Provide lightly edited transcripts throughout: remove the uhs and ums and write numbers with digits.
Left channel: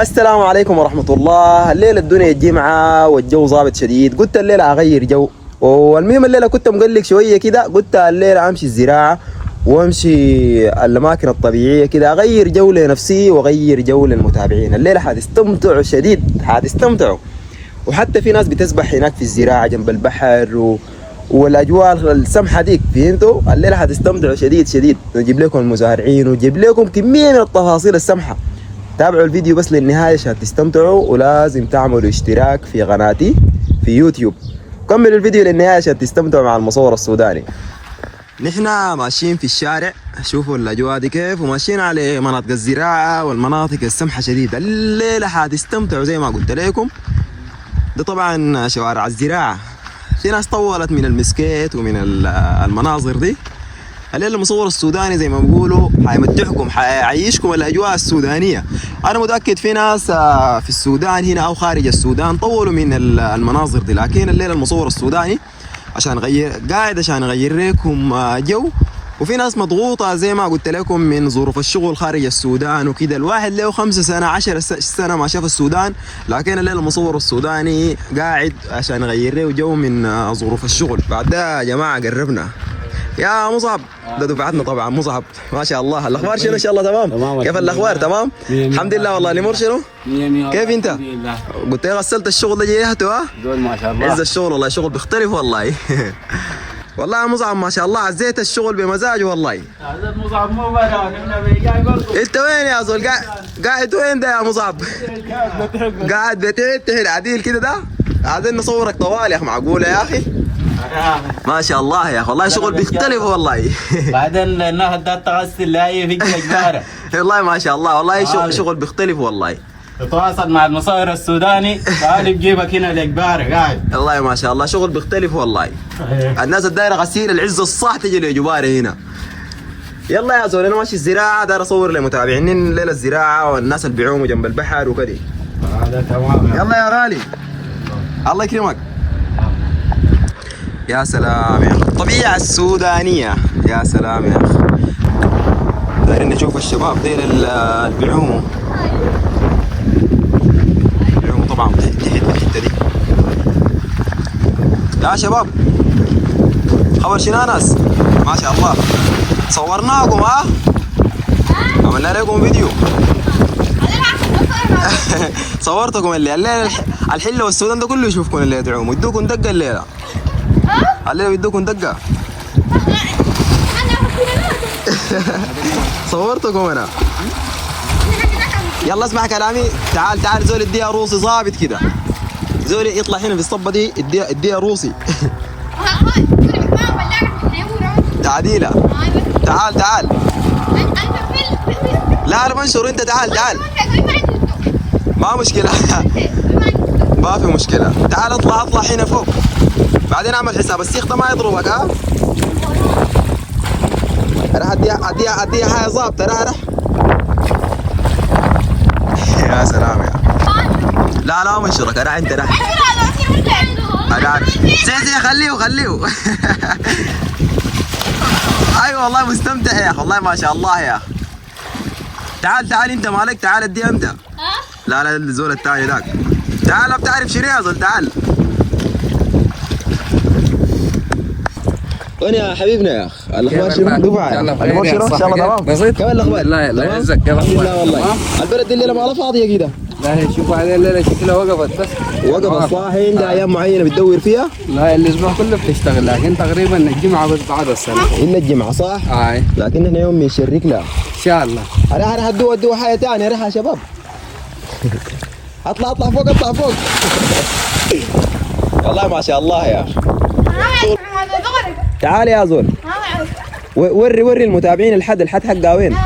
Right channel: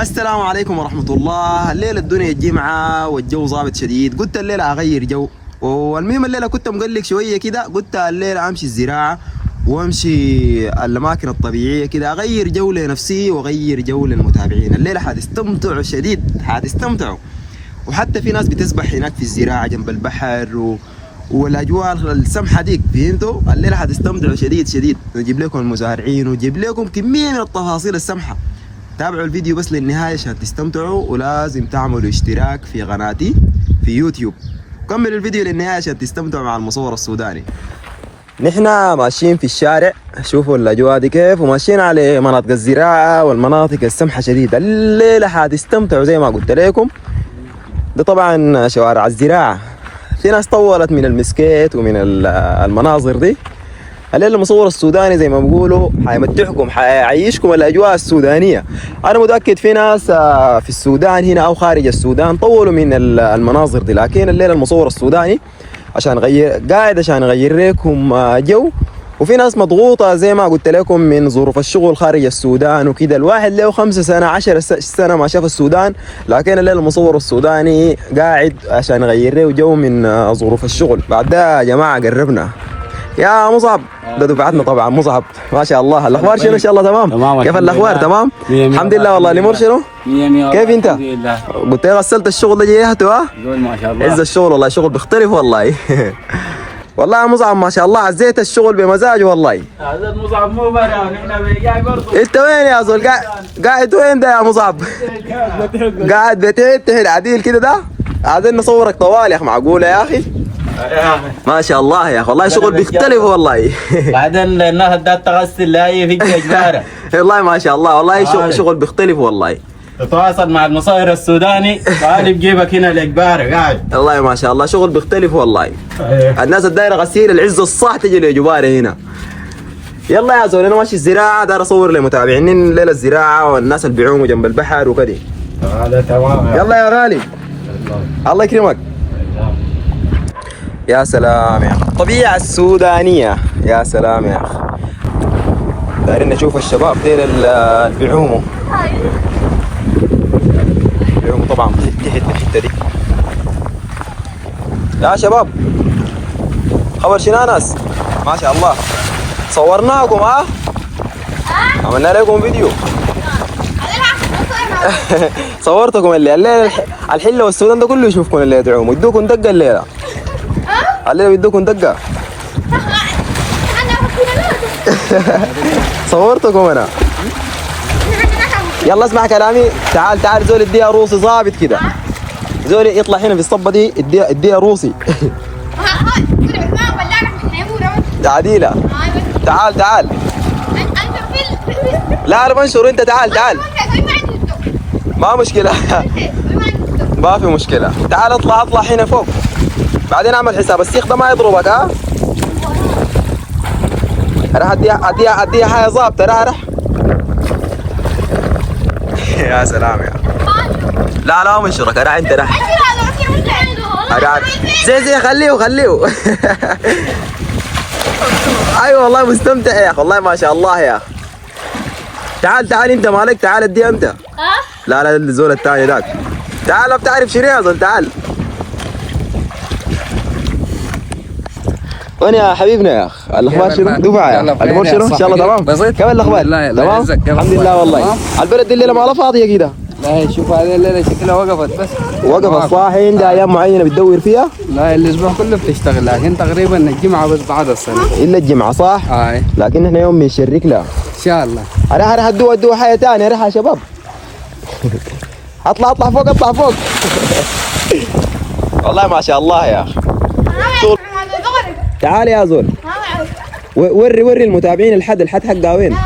السلام عليكم ورحمة الله. الليلة الدنيا جمعة والجو ظابط شديد. قلت الليلة أغير جو، والمهم الليلة كنت مقلق شوية كده. قلت الليلة أمشي الزراعة وأمشي الأماكن الطبيعية كده، أغير جو لنفسي وأغير جو للمتابعين. الليلة حتستمتعوا شديد، حتستمتعوا. وحتى في ناس بتسبح هناك في الزراعة جنب البحر والاجواء السمحه ديك، فهمتوا؟ الليله حتستمتعوا شديد شديد. نجيب لكم المزارعين ونجيب لكم كميه من التفاصيل السمحه. تابعوا الفيديو بس للنهايه عشان تستمتعوا، ولازم تعملوا اشتراك في قناتي في يوتيوب. كملوا الفيديو للنهايه عشان تستمتعوا مع المصور السوداني. نحن ماشيين في الشارع، شوفوا الاجواء دي كيف، وماشيين على مناطق الزراعه والمناطق السمحه شديد. الليله حتستمتعوا زي ما قلت لكم. ده طبعا شوارع الزراعه، في ناس طولت من المسكيت ومن المناظر دي. الليله المصور السوداني زي ما بيقولوا حيمتعكم، حيعيشكم الاجواء السودانيه. انا متاكد في ناس في السودان هنا او خارج السودان طولوا من المناظر دي، لكن الليله المصور السوداني عشان قاعد عشان يغير لكم جو. وفي ناس مضغوطه زي ما قلت لكم من ظروف الشغل خارج السودان وكده. الواحد له 5 سنة 10 سنة ما شاف السودان، لكن الليله المصور السوداني قاعد عشان يغير له جو من ظروف الشغل. بعد ده يا جماعه قربنا يا مصعب، ده دفعتنا طبعا. مصعب ما شاء الله، الاخبار شنو؟ ان شاء الله تمام. كيف الاخبار؟ تمام الحمد لله. والله الامور شنو؟ كيف انت؟ الحمد لله. قلت لي غسلت الشغل ده جيهته؟ ها ما شاء الله عز الشغل. والله شغل بيختلف والله. والله يا مصعب ما شاء الله عزيت الشغل بمزاجه والله. هذا مصعب مو برا ونحن بيجاي برضه. انت وين يا زول؟ قاعد وين ده يا مصعب؟ قاعد بتهد عديل كده ده؟ عايزين نصورك طوال يا اخي. معقوله يا اخي؟ ما شاء الله يا اخي، والله شغل بيختلف والله. بعدين الناس بدات تغسل لاي في جباره. والله ما شاء الله، والله شغل بيختلف والله. تتواصل مع المصور السوداني تعال بجيبك هنا الإجبار قاعد. والله ما شاء الله شغل بيختلف والله. الناس الدايره غسيل العز الصح تجي لجباره هنا. يلا يا زول انا ماشي الزراعه، داير اصور لمتابعين ليله الزراعه والناس اللي بيعوموا جنب البحر وكده. هذا تمام. يلا يا غالي الله يكرمك. يا سلام يا اخي، الطبيعه السودانيه يا سلام يا اخي. دايرين نشوف الشباب ديل اللي بيعوموا طبعا تحت من الحته دي. يا شباب خبر شنو ناس؟ ما شاء الله صورناكم ها؟ عملنا لكم فيديو. صورتكم الليله الحله والسودان ده كله يشوفكم الليله تعوموا. يدوكم دقه الليله. الليله بيدوكم دقه. صورتكم انا. يلا اسمع كلامي، تعال زول اديها روسي ظابط كده. زول يطلع هنا في الصبه دي اديها روسي. عديله تعال. لا انا بنشر انت تعال. ما مشكله. ما في مشكله. تعال اطلع هنا فوق، بعدين اعمل حساب السيخ ده ما يضربك. ها راح اديها حاجه ظابطه. راح يا سلام يا. لا منشرك راح انت راح. زي خليه. ايوه والله مستمتع يا اخي، والله ما شاء الله يا اخي. تعال انت مالك، تعال اديها انت. لا الزول الثاني ذاك. تعال بتعرف شنو يا زول؟ تعال. وين يا حبيبنا يا اخ؟ الاخبار شنو؟ دفعه يا الامور شنو؟ ان شاء الله تمام. بسيط. كيف الاخبار؟ تمام الحمد لله والله. البلد الليله ما فاضيه كده. لا شوف هذه الليله شكلها وقفت بس. وقفت صح. عندها ايام معينه بتدور فيها؟ لا الاسبوع كله بتشتغل، لكن تقريبا الجمعه بس بعد السنه. الا الجمعه صح؟ لكن احنا يوم بنشرك لها ان شاء الله. راح ادوها حاجه ثانيه. راح يا شباب. اطلع فوق. والله ما شاء الله يا اخي. تعال يا زول. وري المتابعين الحد حقها وين؟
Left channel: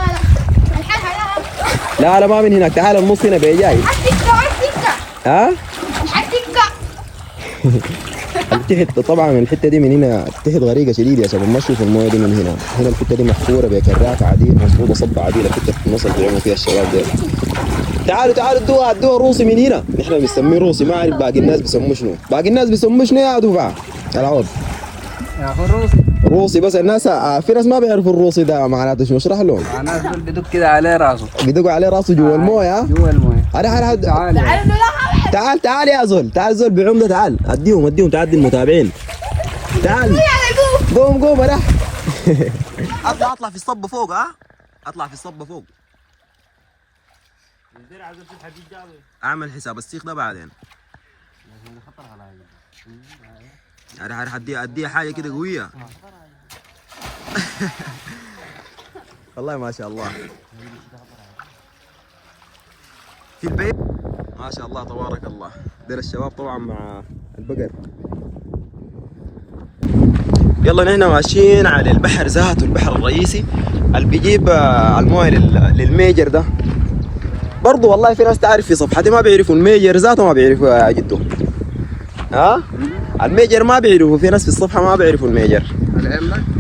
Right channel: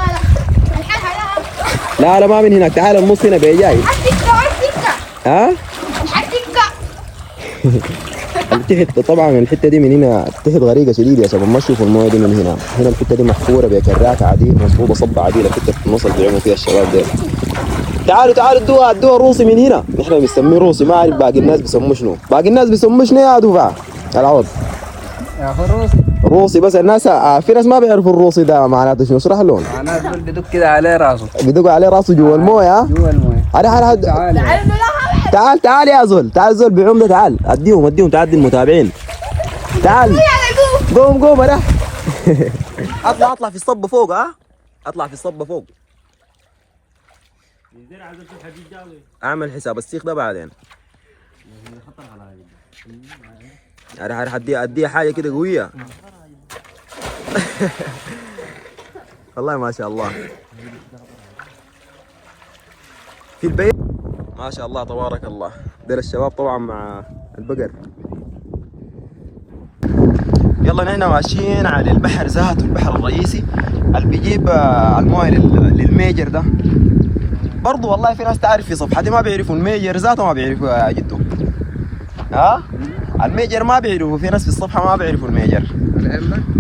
لا ما من هناك. تعال النص هنا بيجاي. ها؟ تحت طبعا الحته دي من هنا تحت غريقه شديده يا شباب. ما تشوفوا المويه دي من هنا الحته دي محفوره بكراك عديل مصبوبه صبه عديله الحته في النص اللي بيعملوا فيها الشباب دول. تعالوا ادوها روسي من هنا. نحن بنسميه روسي، ما اعرف باقي الناس بيسموه شنو. باقي الناس بيسموه شنو يا دفعه؟ العوض يا اخي روسي بس الناس في ناس ما بيعرفوا الروسي ده معناته شنو. اشرح لهم. معناته بدق كده عليه راسه. بدق عليه راسه جوا المويه. تعال تعال تعال يا زول، تعال زول بعمده، تعال اديهم تعدي المتابعين. تعال قوم انا. اطلع في الصبة فوق. اطلع في الصبة فوق. اعمل حساب السيخ ده بعدين. راح اديها حاجة كده قوية. والله ما شاء الله في البيت ما شاء الله تبارك الله. دير الشباب طبعا مع البقر. يلا نحن ماشيين على البحر ذاته، البحر الرئيسي اللي بيجيب المويه للميجر ده. برضو والله في ناس تعرف في صفحتي ما بيعرفوا الميجر ذاته، ما بيعرفوا جده. الميجر ما بيعرفوا، في ناس في الصفحه ما بيعرفوا الميجر.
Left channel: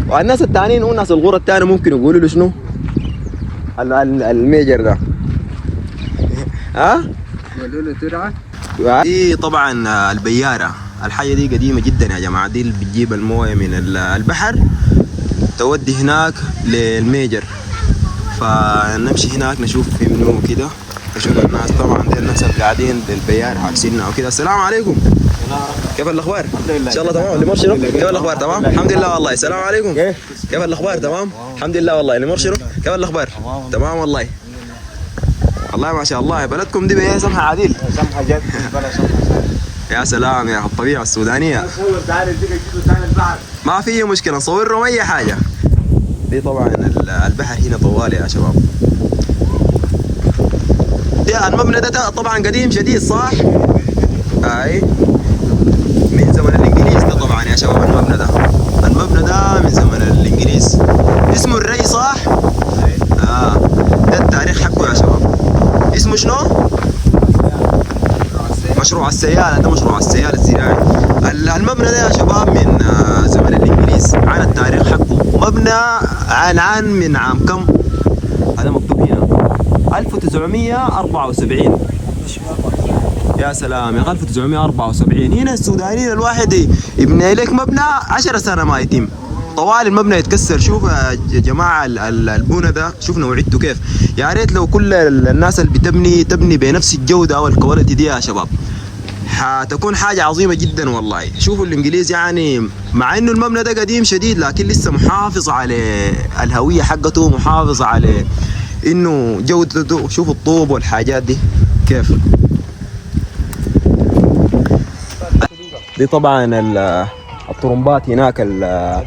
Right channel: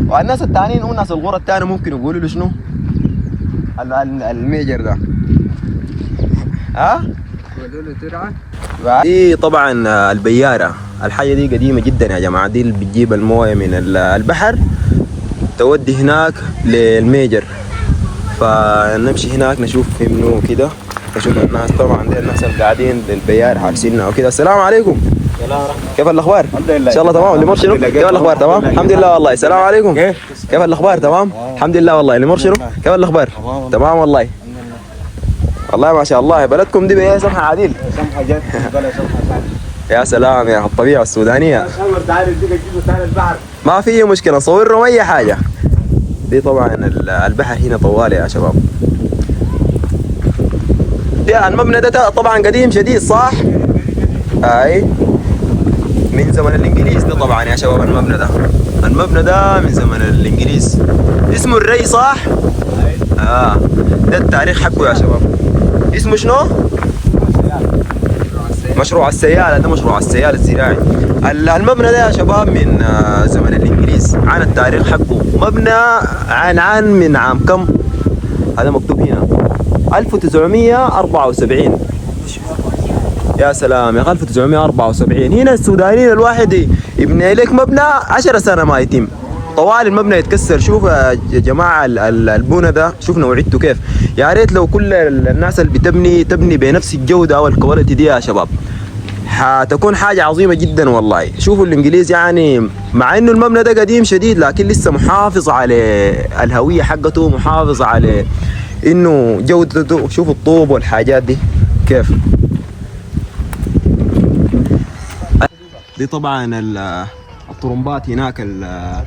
والناس الثانيين والناس الغرة الثانيه ممكن يقولوا له شنو الميجر ده. يقولوا له ترعه. دي طبعا البيارة، الحاجة دي قديمة جدا يا جماعة. دي اللي بتجيب الموية من البحر تودي هناك للميجر. فنمشي هناك نشوف في منو كده، نشوف الناس. طبعا دي الناس اللي قاعدين بالبيار حابسيننا وكده. السلام عليكم. كيف الاخبار؟ الحمد لله. ان شاء الله تمام. اللي مرشدوا كيف الاخبار؟ تمام الحمد لله والله. السلام عليكم. كيف الاخبار؟ تمام الحمد لله والله. اللي مرشدوا كيف الاخبار؟ تمام والله. والله ما شاء الله بلدكم دي بهي سمحة عديل. سمحة جد بلا سمحة. يا سلام يا الطبيعة السودانية. ما في مشكلة نصور لهم أي حاجة. دي طبعا البحر هنا طوال يا شباب. يا المبنى ده طبعا قديم شديد صح؟ أي من زمن الإنجليز ده طبعا يا شباب. المبنى ده من زمن الإنجليز، اسمه الري صح؟ ده التاريخ حقه يا شباب. اسمه شنو؟ مشروع السيالة. ده مشروع السيالة الزراعي. المبنى ده يا شباب من زمن الإنجليز. عن التاريخ حقه مبنى عن من عام كم؟ هذا مكتوب هنا 1974. يا سلام يا 1974. هنا السودانيين الواحد يبني لك مبنى 10 سنة ما يتم طوال المبنى يتكسر. شوف يا جماعة البنى ده، شوف نوعيته كيف. يا ريت لو كل الناس اللي تبني بنفس الجودة والكواليتي دي يا شباب، حتكون حاجة عظيمة جدا والله. شوفوا الانجليز يعني مع انه المبنى ده قديم شديد لكن لسه محافظ على الهوية حقته، محافظ على انه جودته. شوفوا الطوب والحاجات دي كيف. دي طبعا الطرمبات هناك اللي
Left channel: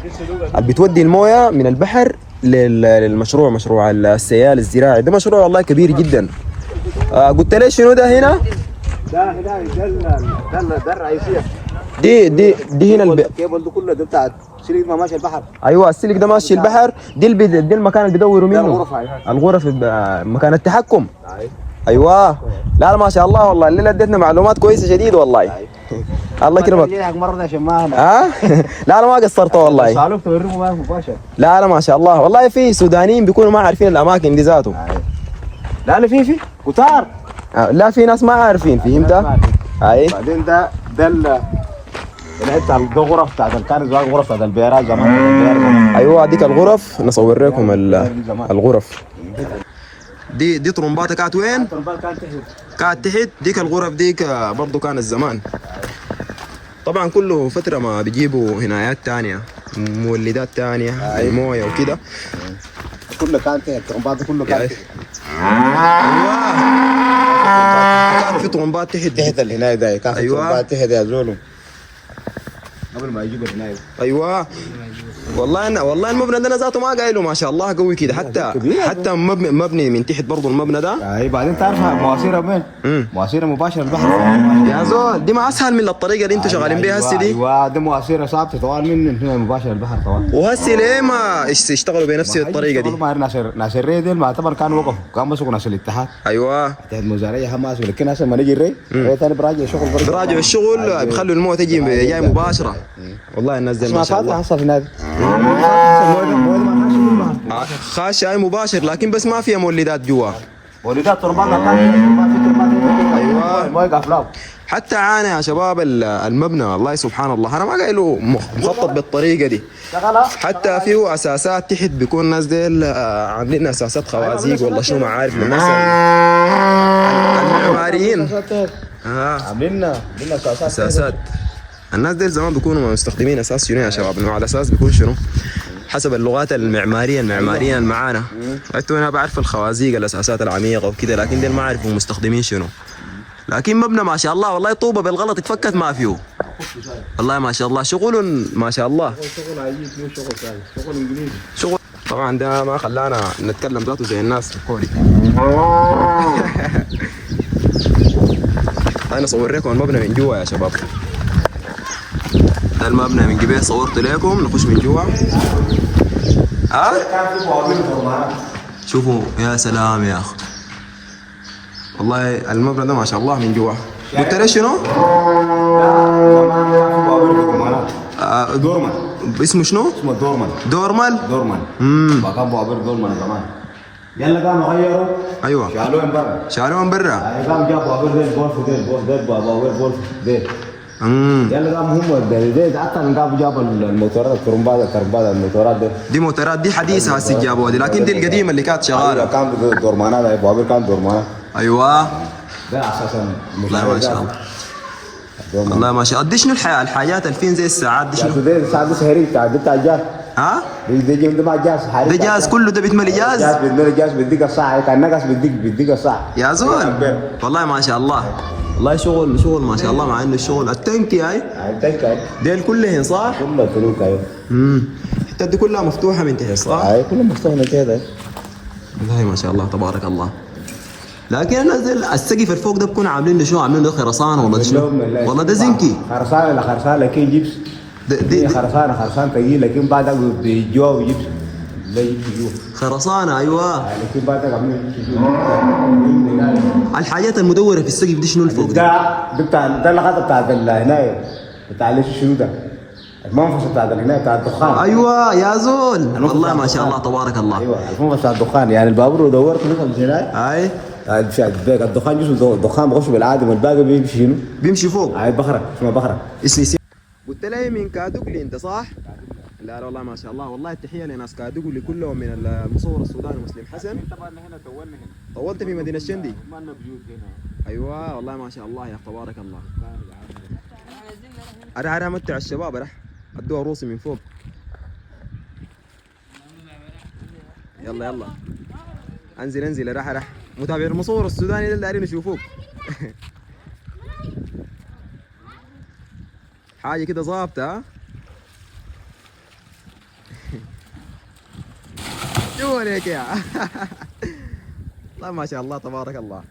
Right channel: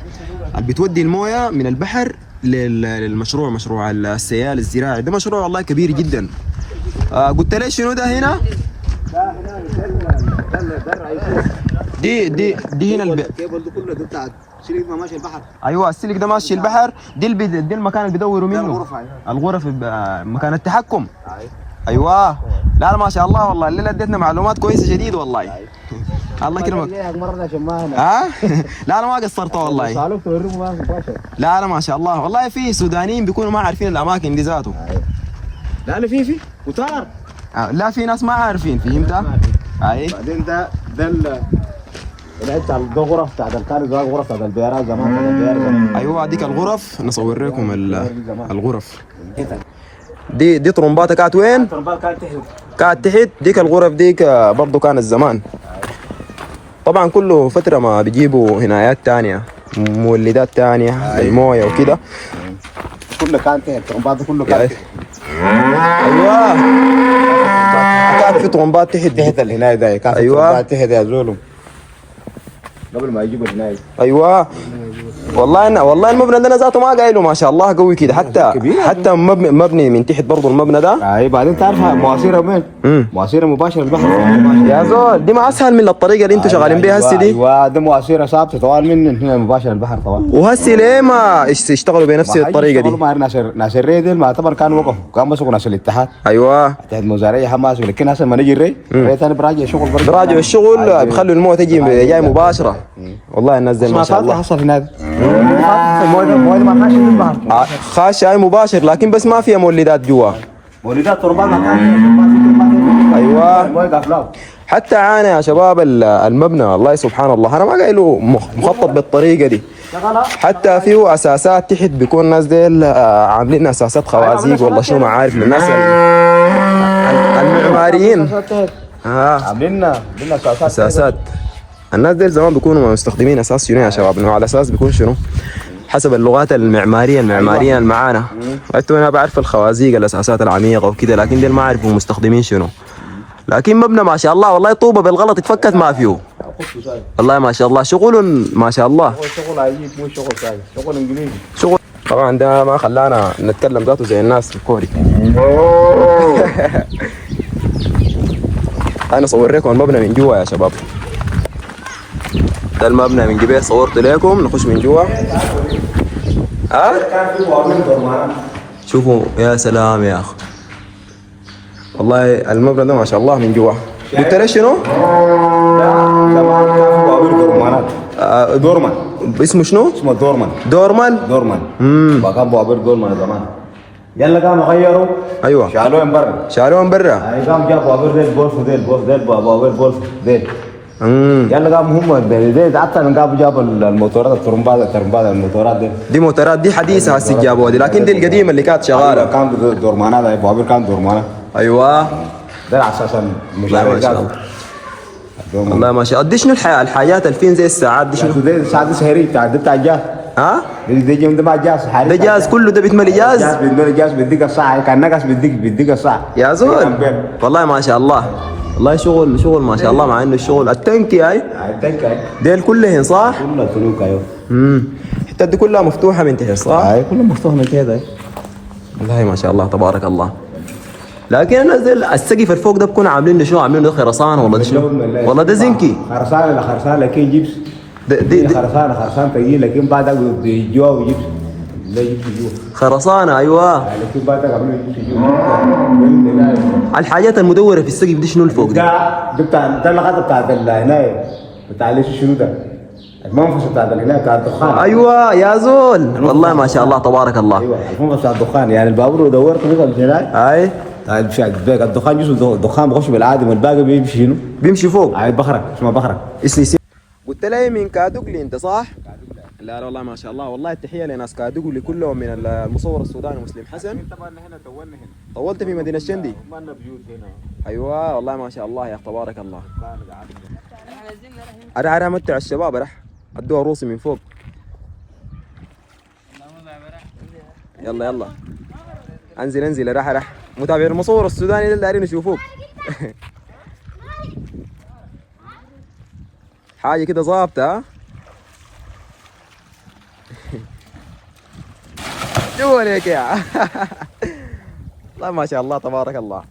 بتودي المويه من البحر للمشروع، مشروع السيال الزراعي. ده مشروع والله كبير جدا. قلت لي شنو ده هنا؟ ده الرئيسية. دي هنا الكيبل ده كله ده بتاع سلك ما ماشي البحر. ايوه السلك ده ماشي البحر. دي المكان اللي بيدوروا منه. الغرف مكان التحكم. ايوه. لا ما شاء الله والله الليله اديتنا معلومات كويسه شديد والله. الله يكرمك. لا انا ما قصرت والله. لا ما شاء الله والله. في سودانيين بيكونوا ما عارفين الاماكن دي ذاته. لا انا في كتار. لا في ناس ما عارفين. فهمت؟ اي بعدين ده الحته الغرف بتاعت كانت الغرف بتاعت البيرات زمان. ايوه هذيك الغرف نصور لكم الغرف. دي طرمباتها كانت وين؟ كانت تحت. ديك الغرف ديك برضو كانت زمان. طبعا كله فترة ما بيجيبوا هنايات تانية، مولدات تانية، الموية وكده. كله كان تحت الطرمبات كله كان تحت. ايوه كان في طرمبات تحت الهناية ده. كان ايوه تحت يا زولم قبل ما يجيبوا الهناية. ايوه والله المبنى ده ذاته ما قايله ما شاء الله قوي كده. حتى مبني من تحت برضه المبنى ده. اي بعدين تعرفها مواسير وين؟ مواسير مباشره البحر. يا زول دي ما اسهل من الطريقه اللي انتوا شغالين بيها هسه دي. ايوه دي مواسير ثابته طوال من هنا مباشره البحر طوال. وهسه ليه ما يشتغلوا بنفس الطريقه دي؟ ما ناس الري ما اعتبر كانوا وقفوا، كان مسكوا ناس الاتحاد. ايوه اتحاد مزارعيه حماس. لكن هسه لما نجي الري ثاني براجع شغل براجع الشغل بيخلوا المويه تجي جاي مباشره. والله الناس زي ما شاء الله. حصل هناك المويه ما خاشه من البحر. خاشه مباشر لكن بس ما فيها مولدات جوا. مولدات تربات ما كان. ايوه حتى عانى يا شباب المبنى. والله سبحان الله انا ما قايله مخطط بالطريقه دي. حتى فيه اساسات تحت بيكون الناس ديل عاملين اساسات خوازيق والله شو ما عارف الناس المعماريين عاملين اساسات اساسات. الناس ديل زمان بيكونوا مستخدمين اساس شنو يا شباب؟ انه على اساس بيكون شنو؟ حسب اللغات المعماريه اللي معانا. انتوا انا بعرف الخوازيق الاساسات العميقه وكذا، لكن ديل ما اعرفوا مستخدمين شنو. لكن مبنى ما شاء الله والله طوبه بالغلط اتفكت ما فيه. والله ما شاء الله شغل ما شاء الله. شغل عجيب، مو شغل سهل، شغل انجليزي. شغل طبعا ده ما خلانا نتكلم ذاته زي الناس في الكوري. انا صور لكم المبنى من جوا يا شباب. ده المبنى من قبل صورت لكم، نخش من جوا. ها شوفوا يا سلام يا اخ، والله المبنى ده ما شاء الله من جوا. قلت ليش شنو؟ زمان كان في بوابير دورمانات. دورمان اسمه شنو؟ اسمه دورمان. دورمان. كان بوابير دورمان زمان. يلا قاموا غيروا. ايوه شالوه من برا. شالوه من برا. اي قام جاب بوابير ديل بولف ديل بوابير بولف ديل. يلا قاموا هم ديل حتى قاموا جابوا الموتورات الترمبات الموتورات دي موتورات دي حديثه هسه جابوها دي، لكن دي القديمه اللي كانت شغاله. كان دورمانات، بوابير كان دورمانات. ايوه ده اساسا والله ما شاء الله. والله ما شاء الله. دي شنو الحاجات الفين زي الساعات دي شنو؟ دي ساعات سهري بتاع ده بتاع جاز. ها؟ دي جيم ده جاز. ده جاز كله، ده بيتملي جاز. بيتملي جاز بيديك الساعه، كان نقص بيديك الساعه. يا زول والله ما شاء الله. والله شغل ما شاء الله، مع انه الشغل التنكي هاي ديل كلهن صح؟ كلها سلوك. ايوه الحتات دي كلها مفتوحه من تحت صح؟ ايوه كلها مفتوحه كده. والله ما شاء الله تبارك الله. لكن نزل السقف الفوق ده بكون عاملين له شو؟ عاملين له خرسانه ولا شنو؟ والله ده زنكي. خرسانه لكن جبس. دي خرسانه كي، لكن بعدها بيجوا جبس. لا جبس جوا. خرسانه ايوه. لكن بعدها عاملين جبس. الحاجات المدوره في السقف دي شنو الفوق دي؟ ده اللغه بتاعت العنايه بتاع ليش شنو ده؟ المنفذ بتاع العنايه بتاع الدخان. ايوه يا زول والله ما شاء الله تبارك الله. ايوه المنفذ بتاع الدخان، يعني البابور ودورت كده من هناك. اي الدخان جزء الدخان بخش بالعادي، والباقي بيمشي شنو؟ بيمشي فوق. هاي بخره اسمها بخره. قلت لي من كادوكلي انت صح؟ لا والله ما شاء الله، والله التحيه لناس كادوكلي كلهم من المصور السوداني مسلم حسن. طبعا هنا طولنا هنا. طولت في مدينه الشندي؟ ما لنا بيوت هنا. ايوه والله ما شاء الله يا اخي تبارك الله. انا امتع الشباب، راح ادوها روسي من فوق. يلا انزل راح متابع المصور السوداني اللي دايرين يشوفوك. حاجه كده ظابطه. ها شو عليك يا والله ما شاء الله تبارك الله.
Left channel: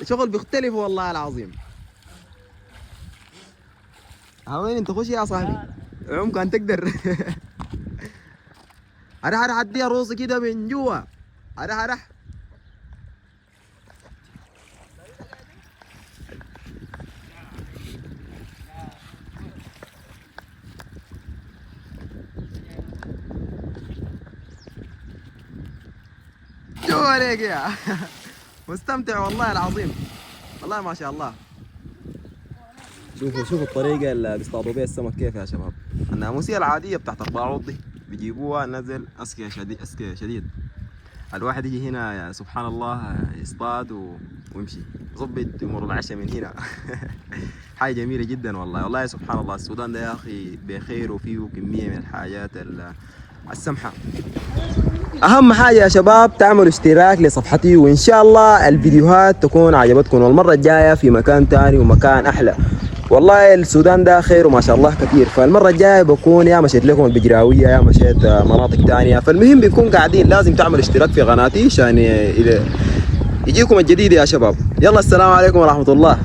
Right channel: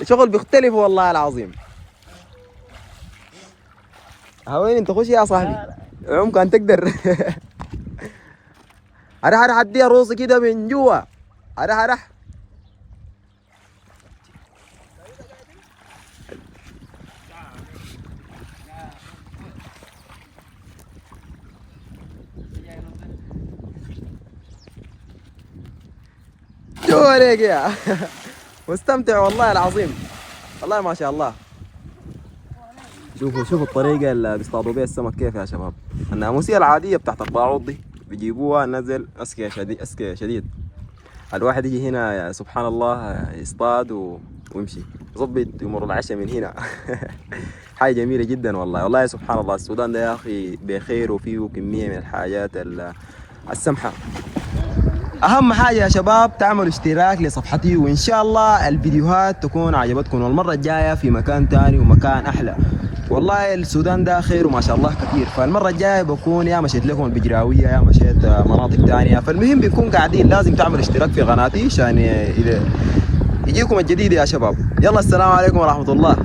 الشغل بيختلف والله العظيم. وين انت؟ خش يا صاحبي عمق تقدر. اروح اديها روسي كده من جوا. اروح شو عليك يا مستمتع والله العظيم. والله ما شاء الله. شوفوا الطريقة اللي بيصطادوا بيها السمك كيف يا شباب. الناموسية العادية بتاعت الباعوض دي بيجيبوها نزل أسكية شديد. الواحد يجي هنا سبحان الله يصطاد ويمشي يظبط يمر العشاء من هنا. حاجة جميلة جدا والله سبحان الله. السودان ده يا أخي بخير وفيه كمية من الحاجات السمحة. اهم حاجه يا شباب تعملوا اشتراك لصفحتي، وان شاء الله الفيديوهات تكون عجبتكم، والمره الجايه في مكان تاني ومكان احلى. والله السودان ده خير وما شاء الله كثير، فالمره الجايه بكون يا مشيت لكم البجراويه يا مشيت مناطق تانية. فالمهم بيكون قاعدين لازم تعملوا اشتراك في قناتي عشان يجيكم الجديد يا شباب. يلا السلام عليكم ورحمه الله.